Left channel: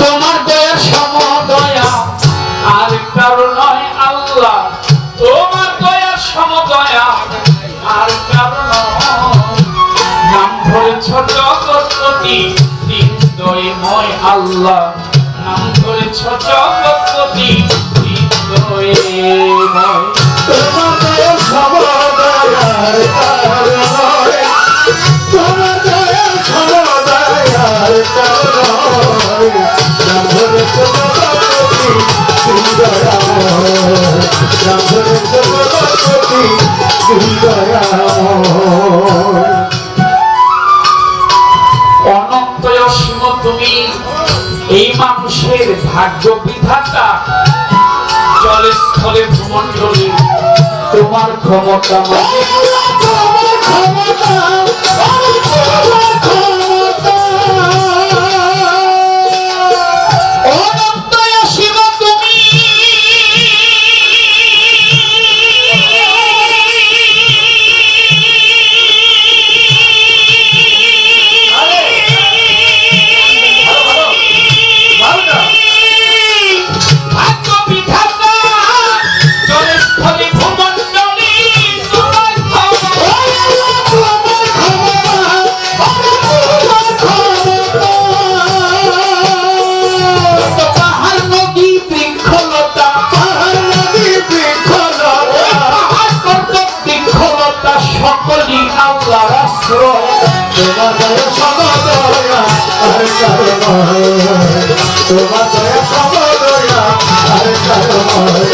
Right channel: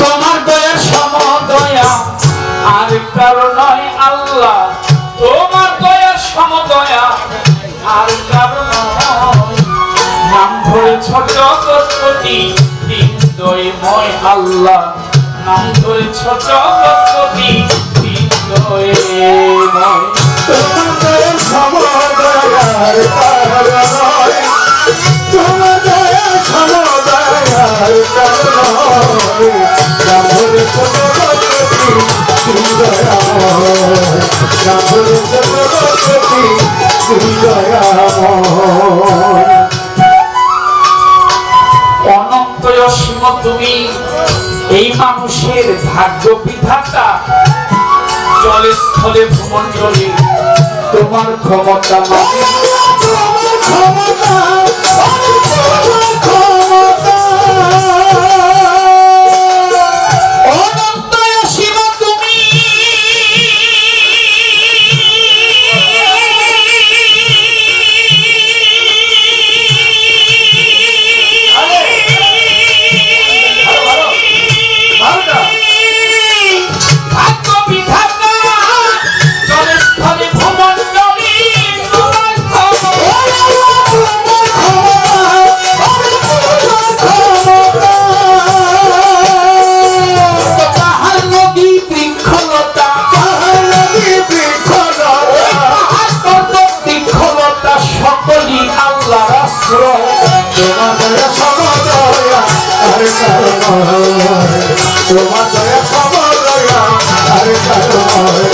তোমার দয়া সমদয়া, আর কারও আর কারও নাম ধরেছ জগৎপতি হৃদয়ময় আল্লাহ। নাম ধরেছ জগৎপতি হৃদয়ময় তোমার দয়া সমদয়ার কারণে তোমার দয়া সমদয়ার কারণে রামধর চন্দ্রবতী সুন্দরাময় রামধর চন্দ্রবতী সুন্দরাময় অনন্ত অসীম তুমি এই মানুষের ভাগ্য বিধাতা জলে স্থলে মানে তোমার ক্ষমতা তোমার ক্ষমতা। তোমার দয়া সমদয়া আর কারণে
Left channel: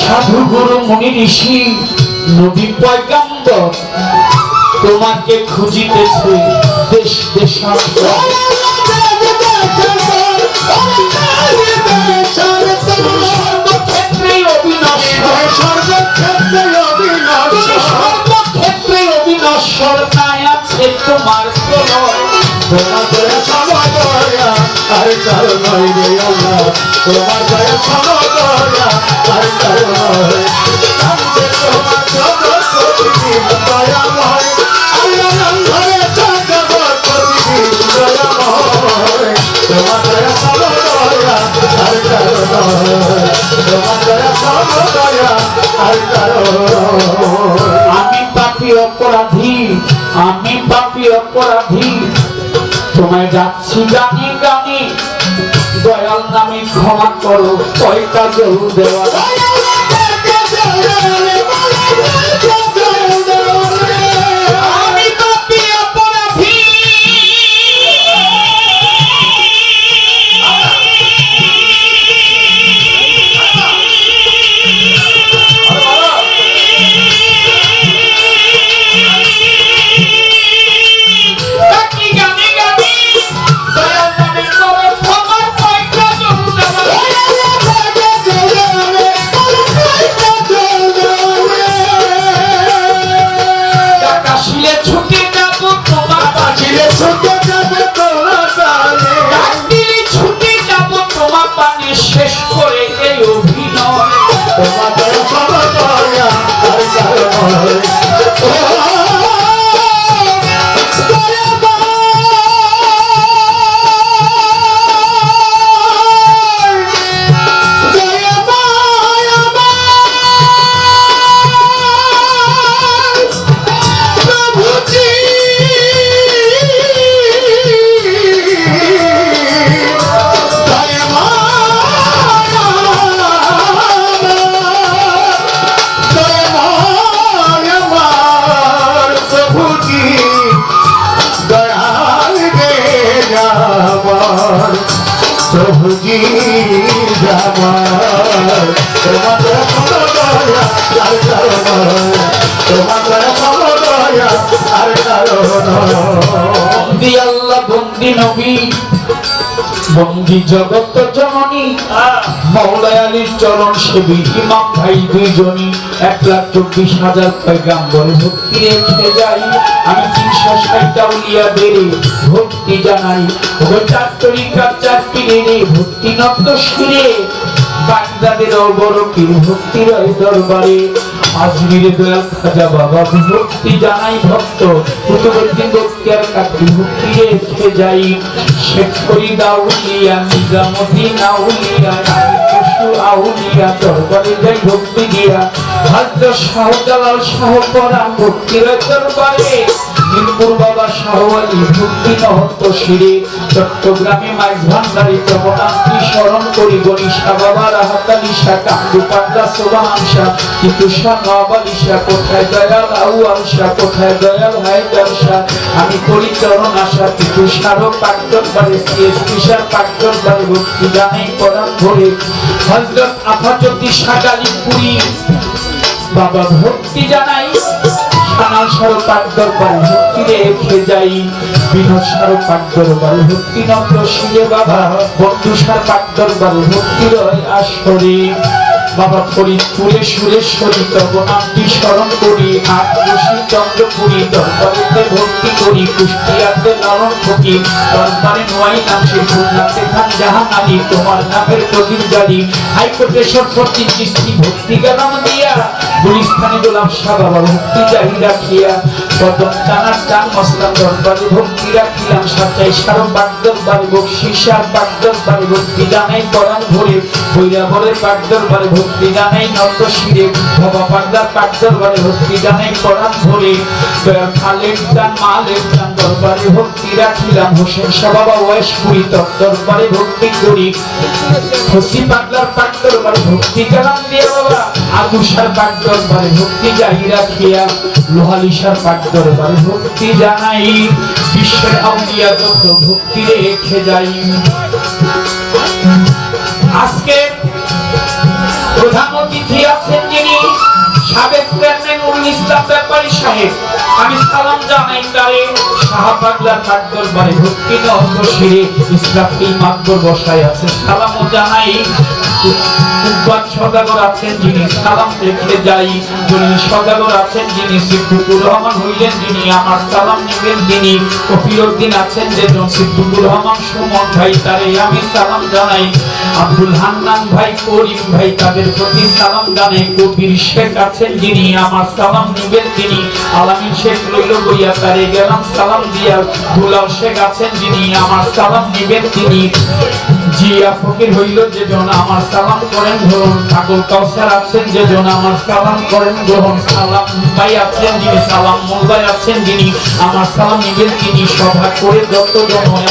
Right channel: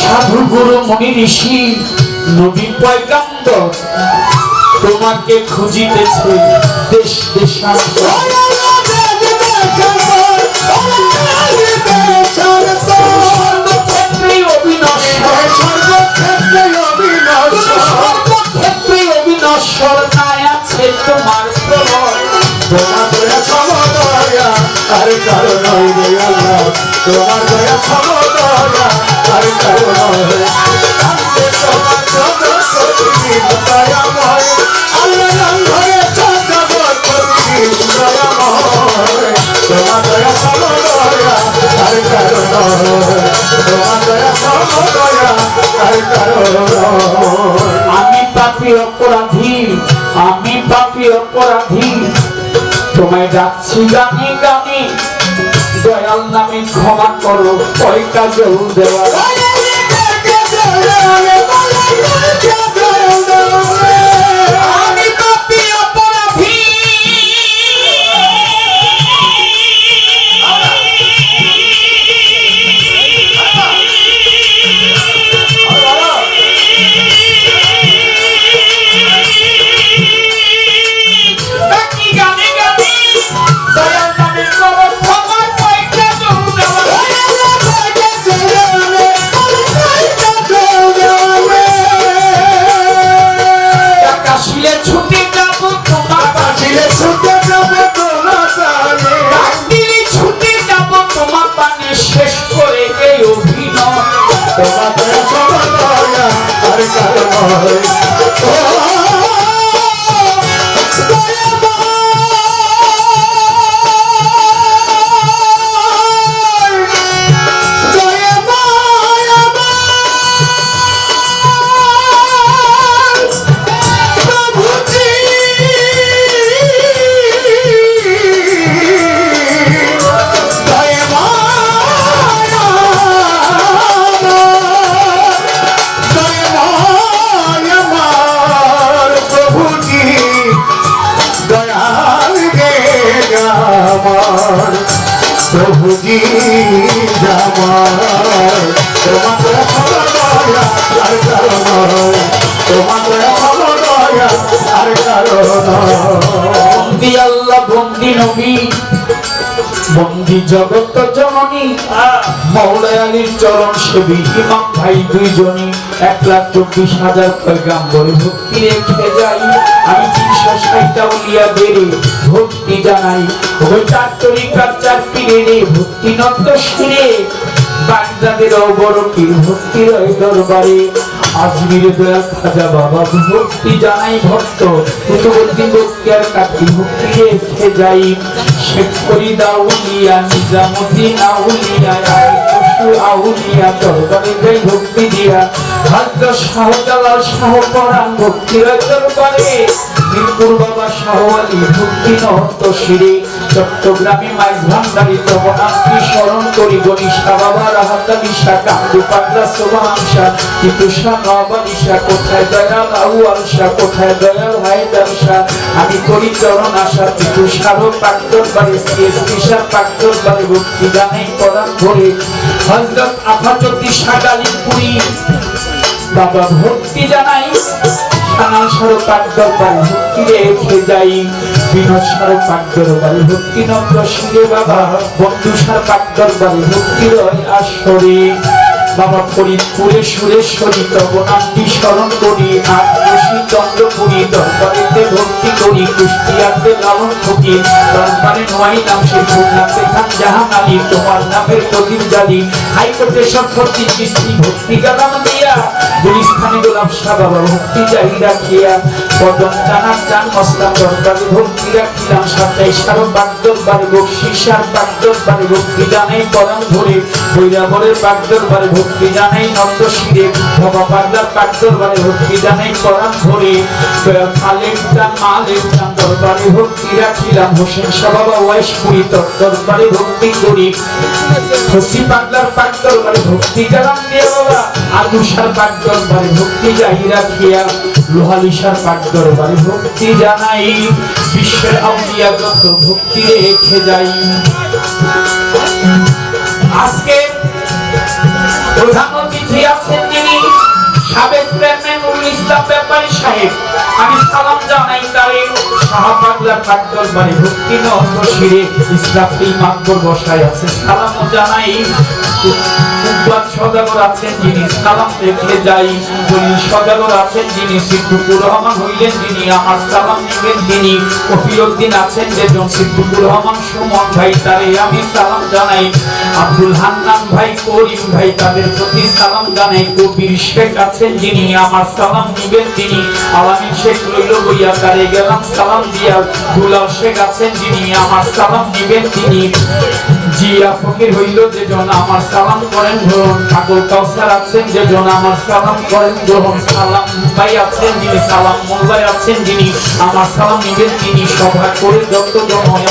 সাধু গুরু মুনি ঋষি নবী পয়গাম্বর তোমাকে খুঁজিতেছে। আছে তোমার প্রলয়। তোমার দয়া সমদয়া আর কারণ রে আল্লাহ তোমার দয়া সমদয়া আর কারণ কান্দে তোমার জগৎপতি পাপি অপরাধী, আমি পাপি অপরাধী। তোমায় যাচ্ছি গানে গানে, দয়াল নামে ক্ষমা করো কয়টা জল দেওয়া। বন্দি নবী। বন্দি জগত জননী। মৌলায় আলীর চরণ সেবী ইমাম ভাই দুইজনই এক লাখ চব্বিশ হাজার পয়গাম্বর ভক্তি রেখে যাই। আমি তিনশো ষাটটা উলিয়াদের ভক্তি জানাই। ওই চার তরিকার চার পীরের ভক্তি নত শিরে বাগদাদের বড় পীর ভক্তি রয় দরবারে। আজমিরে দয়াল খাজা বাবা ভক্তি জানাই ভক্ত। কুতুবুদ্দিন বক্তিয়ার কাকি ভক্তি রেখে যাই। শেখ ফরিদ আউলিয়া দরবারে ভক্তি দিয়া। আলী আলী আলী কোথায় দয়াল দয়াল, হায়দার শাহ? আমি করি চরণ আশা টিপু শাহ পাকদর বাড়ি সিএসপি শাহ পাকদর বাড়ি ভক্তি জানাই করান ভরে। হজরত আফাজতি শাহ গালিপুরি বাবা ভক্তি জানাই। সানাল সারো পাক দরবার ভক্তি রেখে যাই। বিনোদ সারো পাক দরবার ভক্তি নন্দ শিরে বাবা, বন্ধু সার পাক দরবার ভক্তি রয় আসরে। বাবা ফরিদপুরে সুরেশ্বরী তব নামটি স্মরণ করি আট খুশি চন্দ্রপুরী দরবারেতে ভক্তি করি, কুষ্টিয়াতে লালন ফকি দরবারে নোয়াই নাম সে নামতে খান জাহান আলী তোমার নামের প্রদীপ জালি। হাইকোর্টে সরস্বতী কিস্তি ভক্তি গালাম দিয়া। গুলিস্থানে গোলাম শাহ বাবা ভক্তি চাহি রাখিয়া কদম জানার জান মসলাম, দরবারে ভক্তি রাখিলাম সাতাই সারো বাগ দরবারে বকশিসার বাগ দরবারে ভক্তি জানাই পরাণ ভরে। বৈরাবরের বাগ দরবারে ভক্তি জানাই নন্দ শিরে বাবা পাগলার বাগ দরবারে ভক্তি জানাই পরাণ ভরে। খালের দান মালের দান দরবারে ভক্তি রাখিলাম, হোসেন শাহ বাবা ওয়েশপুরি তর দরবারে ভক্তি করি। হসি পাগলার পাক দরবারে ভক্তি কালাম দিয়ে বাবা। আগুসার পাক দরবারে ভক্তি যাই রাখিয়া লোহালিসার পাক দরবারে ভক্তি জানাই। বিশ্বের আউলিয়া যত ভক্তি রেখে যাই। আজকে প্রধান অতিথি আছেন যিনি সাবেক চেয়ারম্যান ইসলাম ব্যাপারী সাহেব। আমি সালাম জানাই তারে। শাহ পাগলার পাক দরবারে ভক্তি নহত শিরে ইসরাফিল মাকবর বসায় আছে। সালামও জানাই। সদাগর আছেন যিনি, সালাম রেখে যাই। জলিল সদাগর আছেন যিনি, সিদ্দিকুর রহমান হইলেন যিনি, আমার সালাম নিবেন তিনি কফিলউদ্দিন আছেন যেজন, সিদ্দিকুর রহমান সুমন ভাই, তারে আমি সালাম জানাই। আব্দুল হান্নান ভাই, করিম ভাই, তাদের প্রতি সালাম জানাই। কবির শেখ আছেন যিনি, আমার সালাম নিবেন তিনি। আলামিন শেখ রইল বইয়া, তারে গেলাম সালাম দিয়া। দুলাল শেখ আছেন যিনি, আমার সালাম নিবেন তিনি। জিয়া ফকির হইল যে জন আমার সালাম করেন গ্রহণ। ঠাকুর কাউসার আছেন যে জন আমার সালাম করেন গ্রহণ। সালাম ভাই আছেন যিনি, সালাম মোল্লাই আছেন যিনি। আমার সালাম নিজের তিনি সভা করে যত জন হয়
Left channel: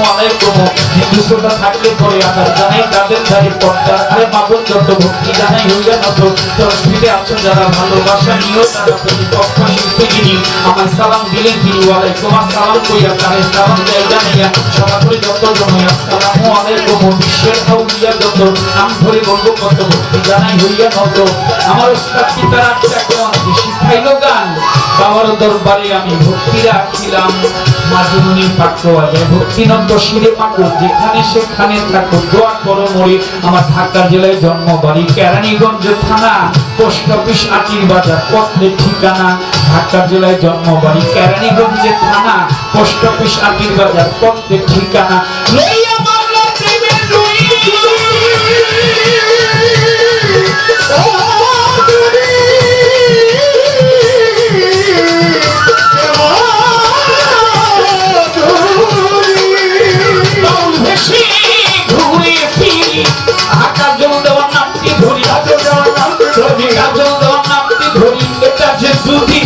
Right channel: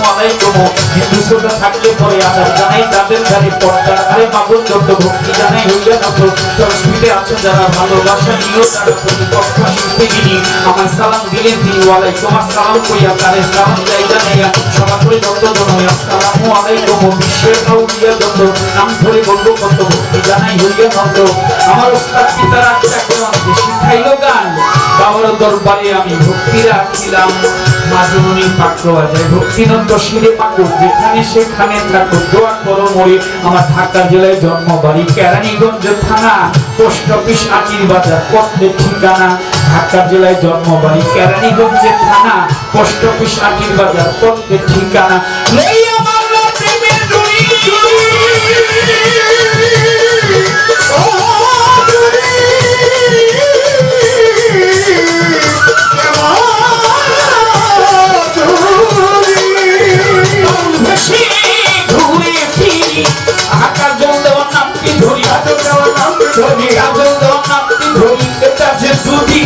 আসসালামু আলাইকুম। হিন্দু শ্রোতা থাকলে পরে আদার জানাই, তাদের ধারে পর্দার আরে বাবুল যত ভক্তি জানাই হইলে নত তসবিতে আছেন যারা ভালোবাসা নিয়েও তারা প্রতিপক্ষ শিল্পী যিনি। আমার সালাম দিলেন তিনি, ওয়ালাইকুম আসসালাম কইয়া তারে সালাম দেয়, জানাইয়া সভা করে যত জন হয় আসসালামু আলাইকুম, বিশ্বের আউলিয়া যত নাম ধরে বলব কত ভক্তি জানাই, হইয়া নত আমার ওস্তাদ পিতার আমাকে শিখাইলো গান। বাবার দরবারে আমি ভক্তি রাখিলাম মাজুনি পাত্র যায় ভক্তিনন্দ শিরে পাকো যেখানে সেখানে থাকো দোয়া করো মরি আমার ঢাকা জেলায় জন্ম বাড়ি, কেরানীগঞ্জ থানা, পোস্ট অফিস আটির বাজার পথে ঠিকানা ঢাকা জেলায় জন্ম বাড়ি, কেরানীগঞ্জের থানা, পোস্ট অফিস আটির বাজার পথে ঠিকানা।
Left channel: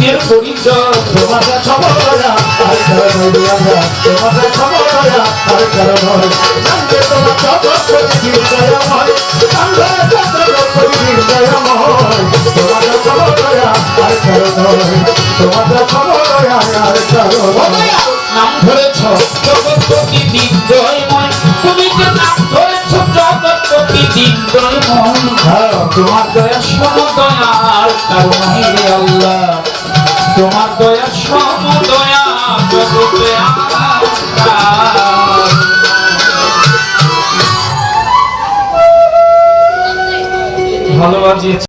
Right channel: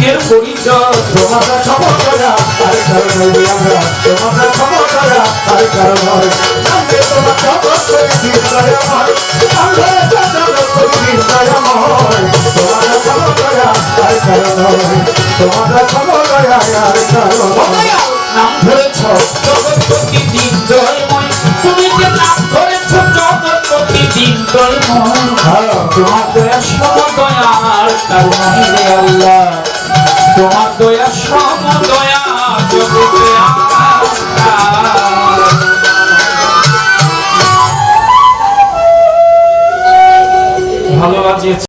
দুদিনের পরিচয়। আর কারণ আর কারণ হয় তোমার জগৎ করেছি দয়াময় জগৎ করেছি আর কারণ তোমাদের সমতরা আর কারণ। নাম ধরেছ জগৎপতি দিনদয়ময় তুমি যে নাম ধরেছ জগৎপতি দিনদয়ময় তোমার দয়া সমদয়ার কারণে।